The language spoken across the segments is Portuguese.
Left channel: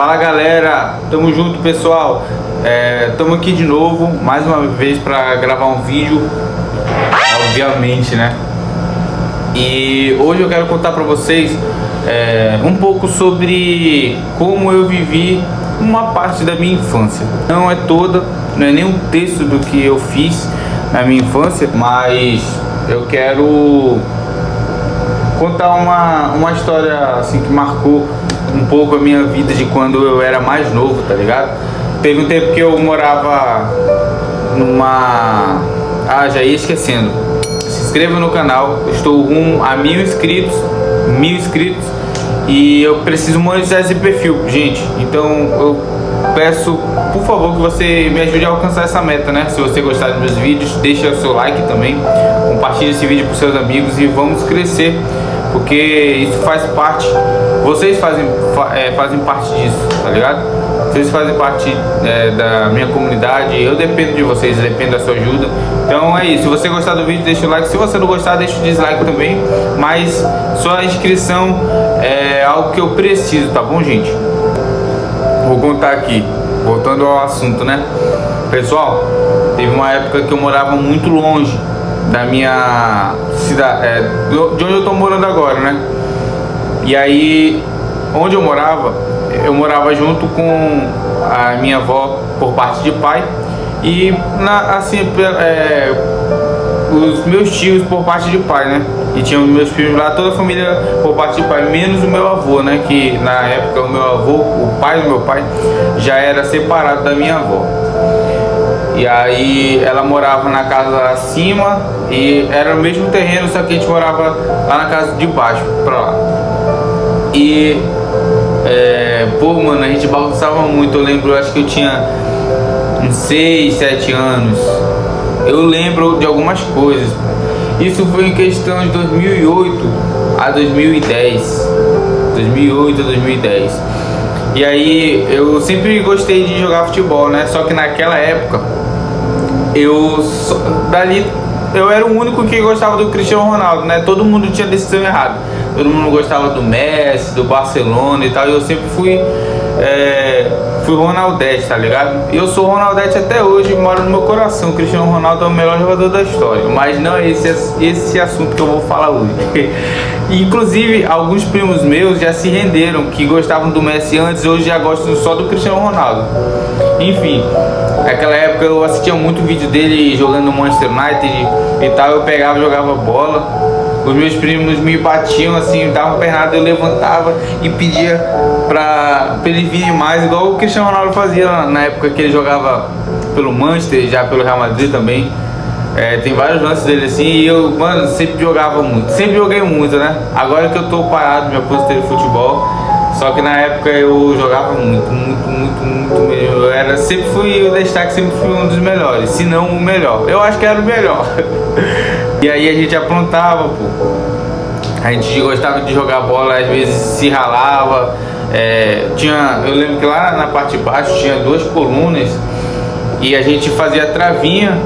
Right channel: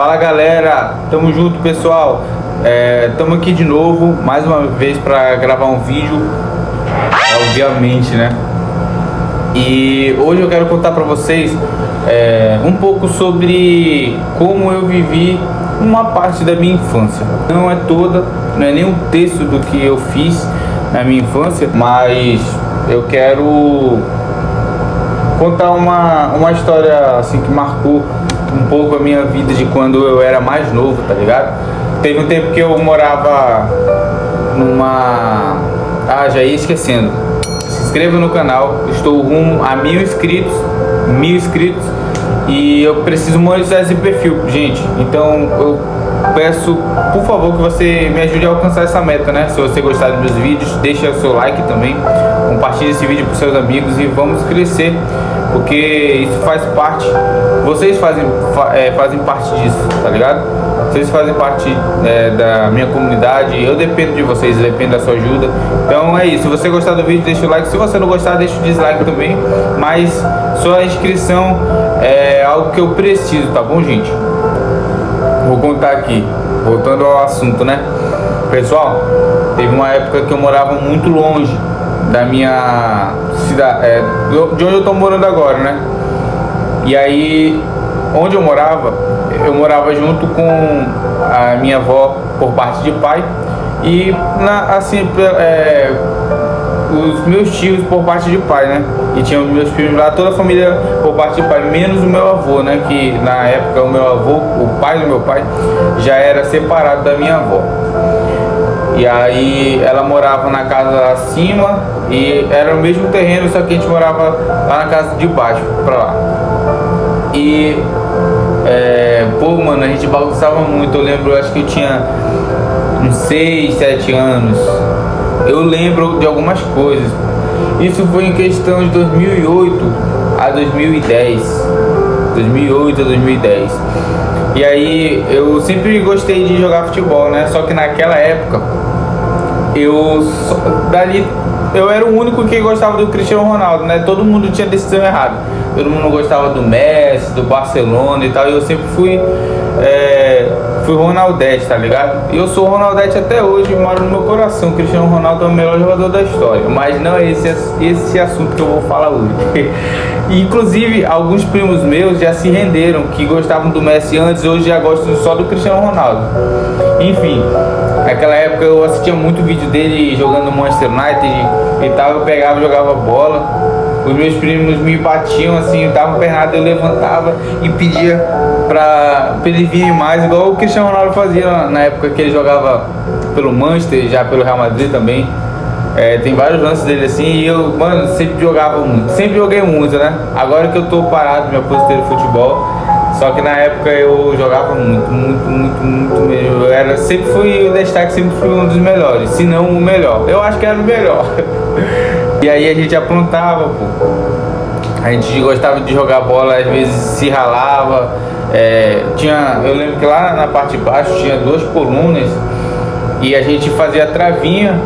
Fala galera, tamo junto pessoal. Tamo aqui de novo, mais uma vez para gravar um vídeo, obviamente, né? E hoje eu quero contar para vocês um pouco sobre como eu vivi uma parte da minha infância. Não é toda, não é nem um terço do que eu fiz na minha infância, mas eu quero contar uma história assim que marcou um pouco a minha vida de quando eu era mais novo, tá ligado? Teve um tempo que eu morava numa... já ia esquecendo. Se inscreva no canal, estou rumo a 1000 inscritos. E eu preciso monetizar esse perfil, gente. Então eu peço, por favor, que você me ajude a alcançar essa meta, né? Se você gostar dos meus vídeos, deixa o seu like também. Compartilhe esse vídeo com seus amigos e vamos crescer, porque isso faz parte. Vocês fazem parte disso, tá ligado? Vocês fazem parte da minha comunidade. Eu dependo de vocês, dependo da sua ajuda. Então é isso. Se você gostar do vídeo, deixa o like. Se você não gostar, deixa o dislike também. Mas sua inscrição é algo que eu preciso, tá bom, gente? Vou contar aqui, voltando ao assunto, né? Pessoal, teve uma época que eu morava muito longe da minha cidade, de onde eu tô morando agora, né? E aí, onde eu morava junto com a minha avó por parte de pai e os meus tios por parte de pai, né? E tinha meus filhos lá, toda a família por parte de pai, menos o meu avô, né? Que na época o meu avô, o pai do meu pai, já era separado da minha avó. E aí ela morava na casa acima e era o mesmo terreno, só que a gente morava lá na casa de baixo, pra lá. E mano, a gente bagunçava muito. Eu lembro, acho que eu tinha uns 6, 7 anos. Eu lembro de algumas coisas. Isso foi em questão de 2008 a 2010. 2008 a 2010. E aí eu sempre gostei de jogar futebol, né? Só que naquela época eu era o único que gostava do Cristiano Ronaldo, né? Todo mundo tinha decisão errada. Todo mundo gostava do Messi, do Barcelona e tal. E eu sempre fui Ronaldete, tá ligado? E eu sou Ronaldete até hoje, mora no meu coração. O Cristiano Ronaldo é o melhor jogador da história. Mas não é esse assunto que eu vou falar hoje. Inclusive, alguns primos meus já se renderam, que gostavam do Messi antes, hoje já gostam só do Cristiano Ronaldo. Enfim, naquela época eu assistia muito vídeo dele jogando no Manchester United e tal. Eu pegava e jogava bola. Os meus primos me batiam assim, davam pernada, eu levantava e pedia pra eles virem mais, igual o Cristiano Ronaldo fazia na época que ele jogava pelo Manchester, já pelo Real Madrid também. Tem vários lances dele assim, e eu, mano, sempre jogava muito, sempre joguei muito, né? Agora que eu tô parado, me aposentei no futebol, só que na época eu jogava muito mesmo. Eu sempre fui o destaque, sempre fui um dos melhores, se não o melhor. Eu acho que era o melhor. E aí a gente aprontava, pô. A gente gostava de jogar bola, às vezes se ralava. Eu lembro que lá na parte de baixo tinha 2 colunas e a gente fazia travinha,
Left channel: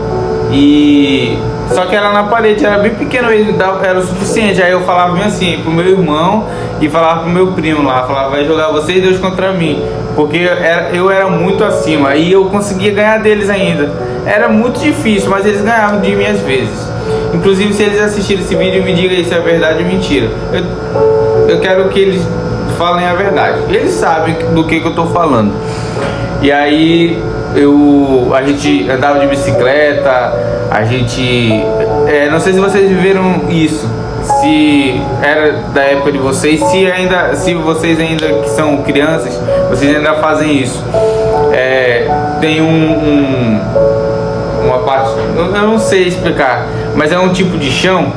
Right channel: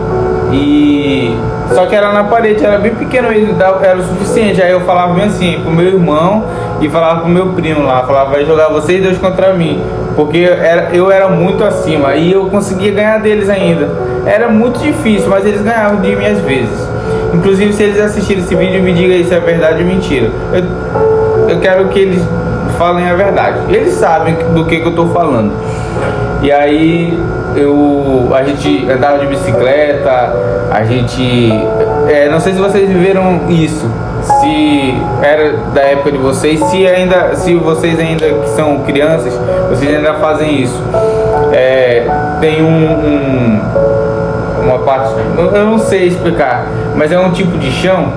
só que era na parede, era bem pequeno mesmo, era o suficiente. Aí eu falava bem assim pro meu irmão e falava pro meu primo lá, falava, vai jogar vocês dois contra mim, porque eu era muito acima e eu conseguia ganhar deles ainda. Era muito difícil, mas eles ganhavam de mim às vezes. Inclusive, se eles assistirem esse vídeo, me digam aí se é verdade ou mentira. Eu quero que eles falem a verdade. Eles sabem do que eu tô falando. E aí a gente andava de bicicleta, a gente... não sei se vocês viveram isso, se era da época de vocês, se vocês ainda que são crianças, vocês ainda fazem isso. Tem uma parte, eu não sei explicar, mas é um tipo de chão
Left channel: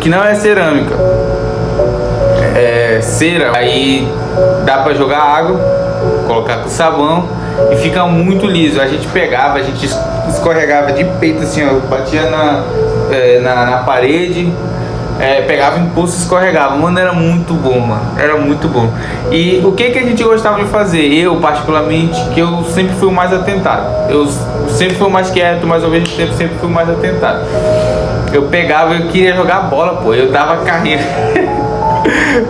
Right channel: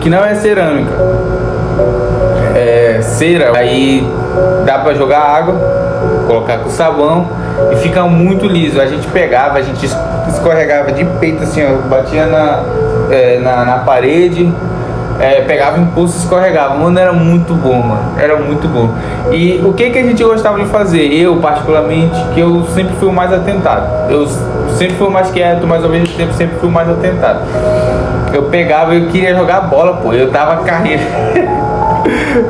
que não é cerâmica, é cera. Aí dá pra jogar água, colocar com sabão e fica muito liso. A gente pegava, a gente escorregava de peito assim, ó, batia na parede, pegava impulso e escorregava. Mano, era muito bom, mano. Era muito bom. E o que a gente gostava de fazer? Eu, particularmente, que eu sempre fui o mais atentado. Eu sempre fui o mais quieto, mas ao mesmo tempo sempre fui o mais atentado. Eu pegava, eu queria jogar bola, pô. Eu dava carreira.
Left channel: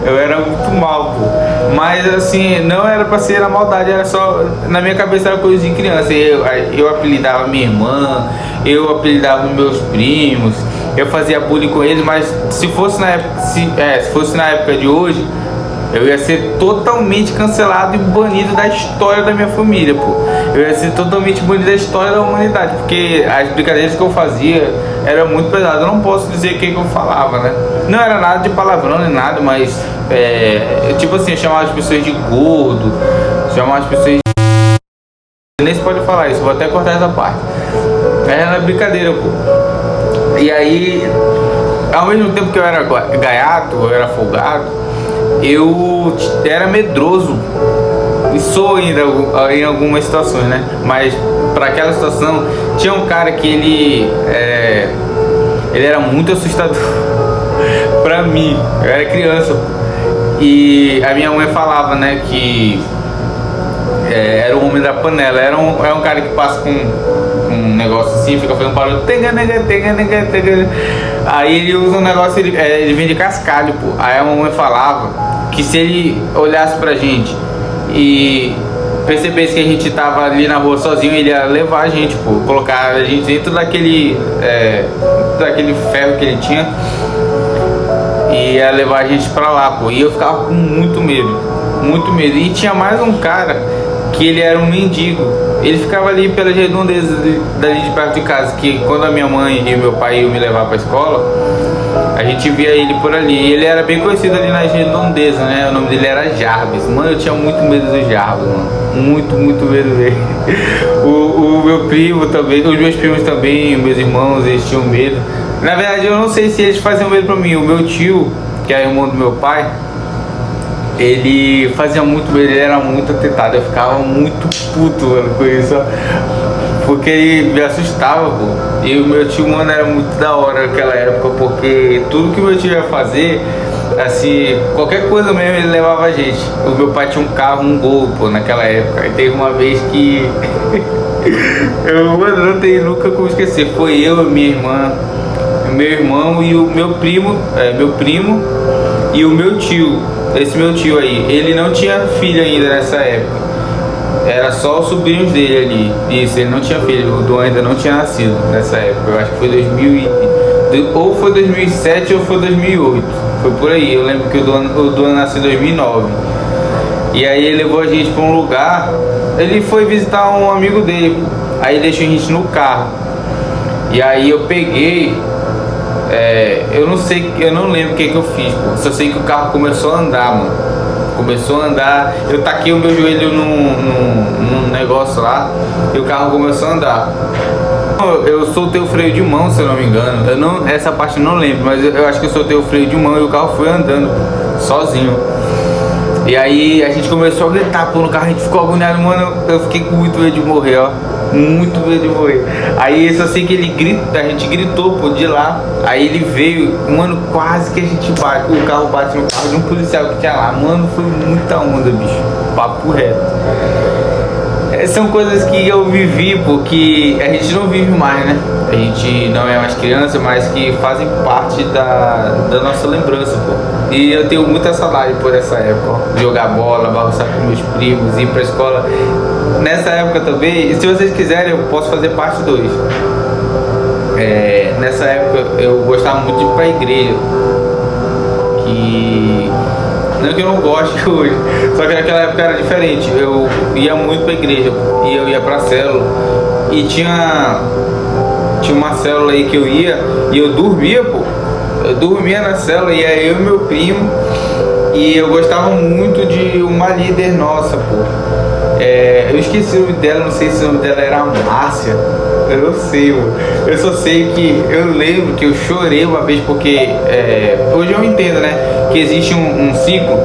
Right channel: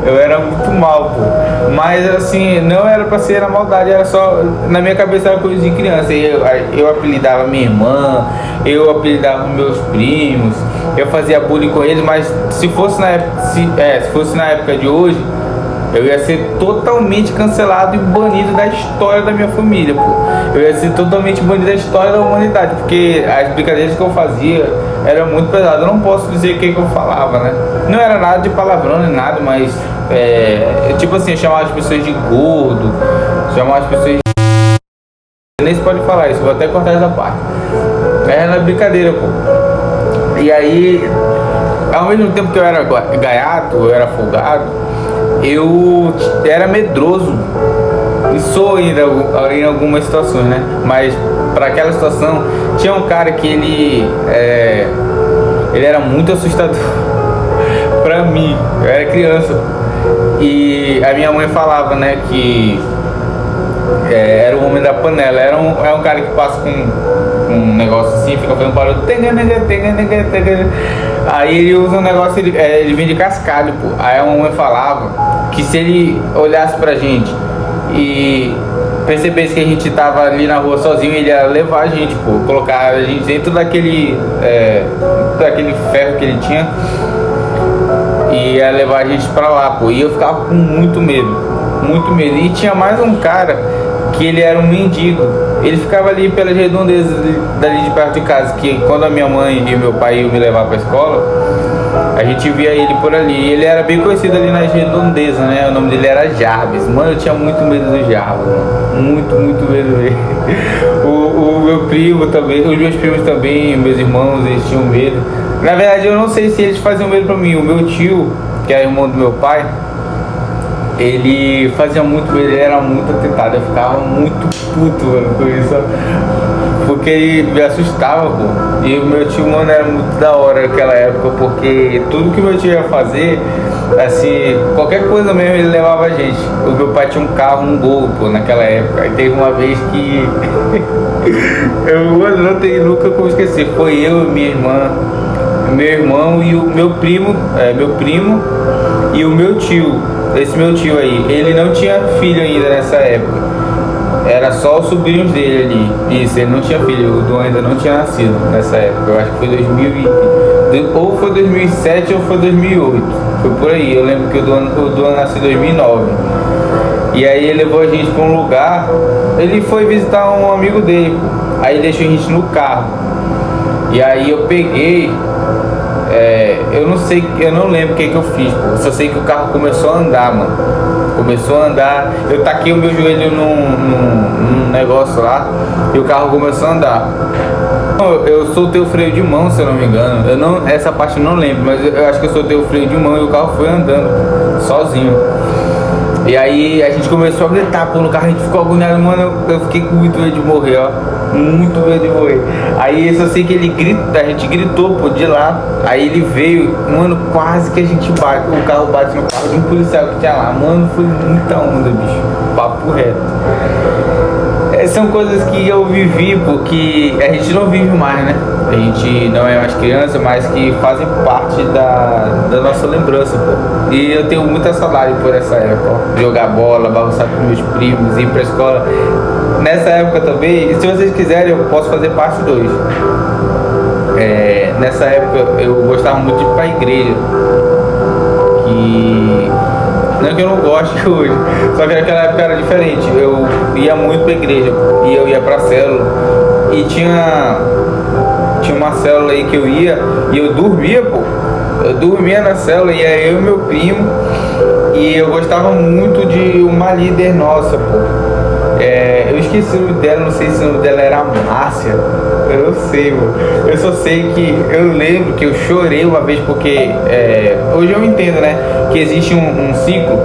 Eu era muito mal, pô. Mas assim, não era pra ser na maldade, era só. Na minha cabeça era coisa de criança. Eu apelidava minha irmã, eu apelidava meus primos, eu fazia bullying com eles, mas se fosse na época, se fosse na época de hoje, eu ia ser totalmente cancelado e banido da história da minha família, pô. Eu ia ser totalmente banido da história da humanidade, porque as brincadeiras que eu fazia eram muito pesadas. Eu não posso dizer o que eu falava, né? Não era nada de palavrão nem nada, mas tipo assim, eu chamava as pessoas de gordo, chamava as pessoas de... Nem se pode falar isso, vou até cortar essa parte. Era brincadeira, pô. E aí, ao mesmo tempo que eu era gaiato, eu era folgado, eu era medroso. E sou ainda em algumas situações, né? Mas para aquela situação, tinha um cara que ele era muito assustador pra mim. Eu era criança. E a minha mãe falava, né, que era o homem da panela. É um cara que passa com um negócio assim, fica fazendo barulho. Aí ele usa um negócio, ele vem de cascalho, pô. Aí a mamãe falava que se ele olhasse pra gente e percebesse que a gente tava ali na rua sozinho, ele ia levar a gente, pô, colocar a gente dentro daquele ferro que ele tinha e ia levar a gente pra lá, pô. E eu ficava com muito medo, muito medo. E tinha mais um cara que ele era um mendigo. Ele ficava ali pelas redondezas dali de perto de casa, que quando a minha mãe e o meu pai iam me levar pra escola, a gente via ele por ali. E ele era bem conhecido ali nas redondezas, né? O nome dele era Jarvis. Mano, eu tinha muito medo do Jarvis, mano. Muito, muito medo dele. O meu primo também, os meus primos também, meus irmãos, eles tinham medo. Na verdade, eu não sei se eles faziam medo pra mim. O meu tio, que é irmão do meu pai, ele fazia muito medo, ele era muito atentado. Eu ficava muito puto, mano, com isso, ó. Porque ele me assustava, pô. E o meu tio, mano, era muito da hora naquela época, porque tudo que o meu tio ia fazer, assim, qualquer coisa mesmo, ele levava a gente. O meu pai tinha um carro, um Gol, pô, naquela época. Aí teve uma vez que mano, não tem nunca como esquecer. Foi eu, minha irmã, meu irmão e o meu primo e o meu tio. Esse meu tio aí, ele não tinha filho ainda nessa época. Era só os sobrinhos dele ali. Isso, ele não tinha filho. O Dom ainda não tinha nascido nessa época. Eu acho que foi ou foi 2007 ou foi 2008. Foi por aí. Eu lembro que o Dom nasceu em 2009. E aí ele levou a gente pra um lugar. Ele foi visitar um amigo dele, pô. Aí deixou a gente no carro. E aí eu peguei... eu não lembro o que eu fiz, pô. Só sei que o carro começou a andar, mano. Começou a andar, eu taquei o meu joelho num negócio lá e o carro começou a andar. Eu soltei o freio de mão, se eu não me engano. Essa parte eu não lembro, mas eu acho que eu soltei o freio de mão e o carro foi andando, pô, sozinho. E aí a gente começou a gritar, pô, no carro, a gente ficou agoniado, mano. Eu fiquei com muito medo de morrer, ó. Muito medo de morrer. Aí eu só sei que a gente gritou, pô, de lá. Aí ele veio, mano, quase que a gente bate. O carro bate no carro de um policial que tinha lá. Mano, foi muita onda, bicho. Papo reto. São coisas que eu vivi, porque a gente não vive mais, né? A gente não é mais criança, mas que fazem parte da nossa lembrança, pô. E eu tenho muita saudade por essa época, ó. Jogar bola, bagunçar com meus primos, ir pra escola. Nessa época também, e se vocês quiserem, eu posso fazer parte 2. Nessa época eu gostava muito de ir pra igreja. Não é que eu não goste hoje, só que naquela época era diferente. Eu ia muito pra igreja, pô. E eu ia pra célula. E tinha uma célula aí que eu ia e eu dormia, pô. Eu dormia na célula, e aí eu e meu primo. E eu gostava muito de uma líder nossa, pô. Eu esqueci o nome dela, não sei se o nome dela era Márcia. Eu não sei, mano. Eu só sei que eu lembro que eu chorei uma vez porque hoje eu entendo, né? Que existe um ciclo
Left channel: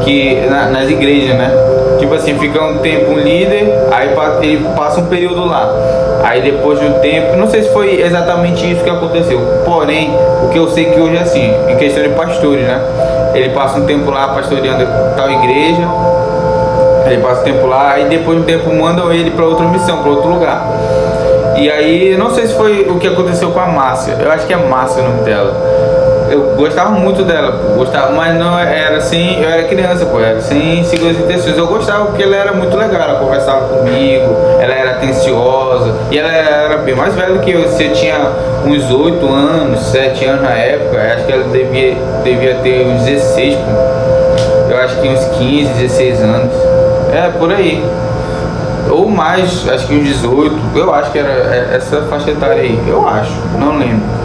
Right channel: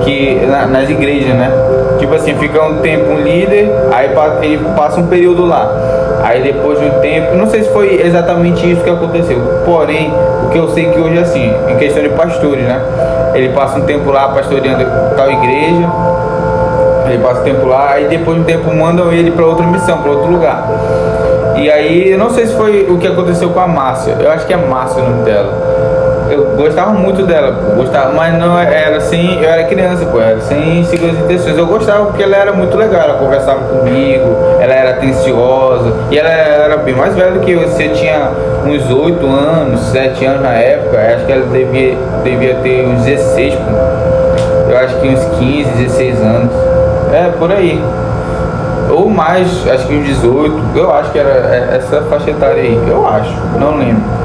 que nas igrejas, né? Tipo assim, fica um tempo um líder, aí ele passa um período lá. Aí depois de um tempo, não sei se foi exatamente isso que aconteceu. Porém, o que eu sei que hoje é assim, em questão de pastores, né? Ele passa um tempo lá pastoreando tal igreja. Ele passa um tempo lá, aí depois de um tempo mandam ele para outra missão, para outro lugar. E aí, eu não sei se foi o que aconteceu com a Márcia. Eu acho que é Márcia o nome dela. Eu gostava muito dela, pô, gostava, mas não era assim, eu era criança, pô, era sem segundas intenções. Eu gostava porque ela era muito legal, ela conversava comigo, ela era atenciosa, e ela era bem mais velha do que eu. Você tinha uns 8 anos, 7 anos na época, acho que ela devia ter uns 16, pô. Eu acho que uns 15, 16 anos. É, por aí. Ou mais, acho que uns 18, eu acho que era essa faixa etária aí, eu acho, não lembro.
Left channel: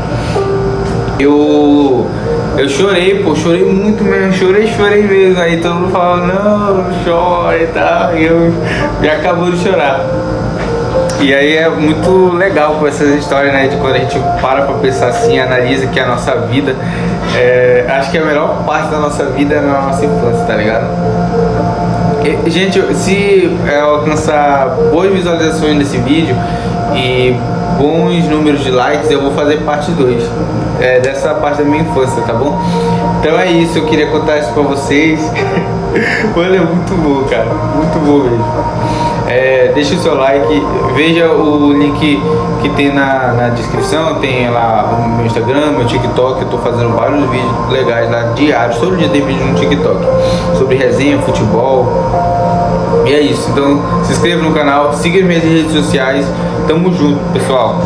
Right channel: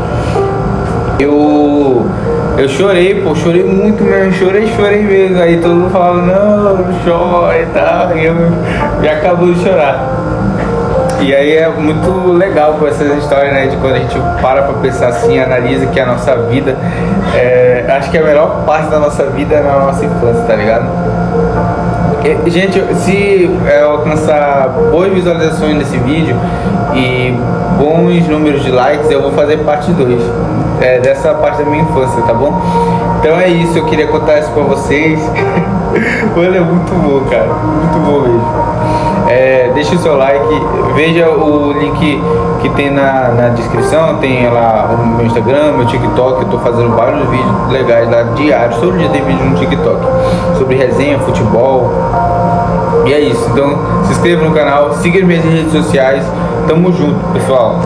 Eu chorei, pô, chorei muito mesmo, chorei mesmo. Aí todo mundo falava, não chora e tal. E eu já acabou de chorar. E aí é muito legal com essas histórias, né? De quando a gente para pra pensar assim, analisa que a nossa vida. Acho que a melhor parte da nossa vida é na nossa infância, tá ligado? E, gente, se eu alcançar boas visualizações nesse vídeo e bons números de likes, eu vou fazer parte 2 dessa parte da minha infância, tá bom? Então é isso, eu queria contar isso pra vocês. Mano, é muito bom, cara, muito bom mesmo. Deixa o seu like, veja o link que tem na descrição, tem lá o meu Instagram, meu TikTok. Eu tô fazendo vários vídeos legais lá, diários, todo dia tem vídeo no TikTok sobre resenha, futebol. E é isso, então se inscreva no canal, siga as minhas redes sociais, tamo junto, pessoal.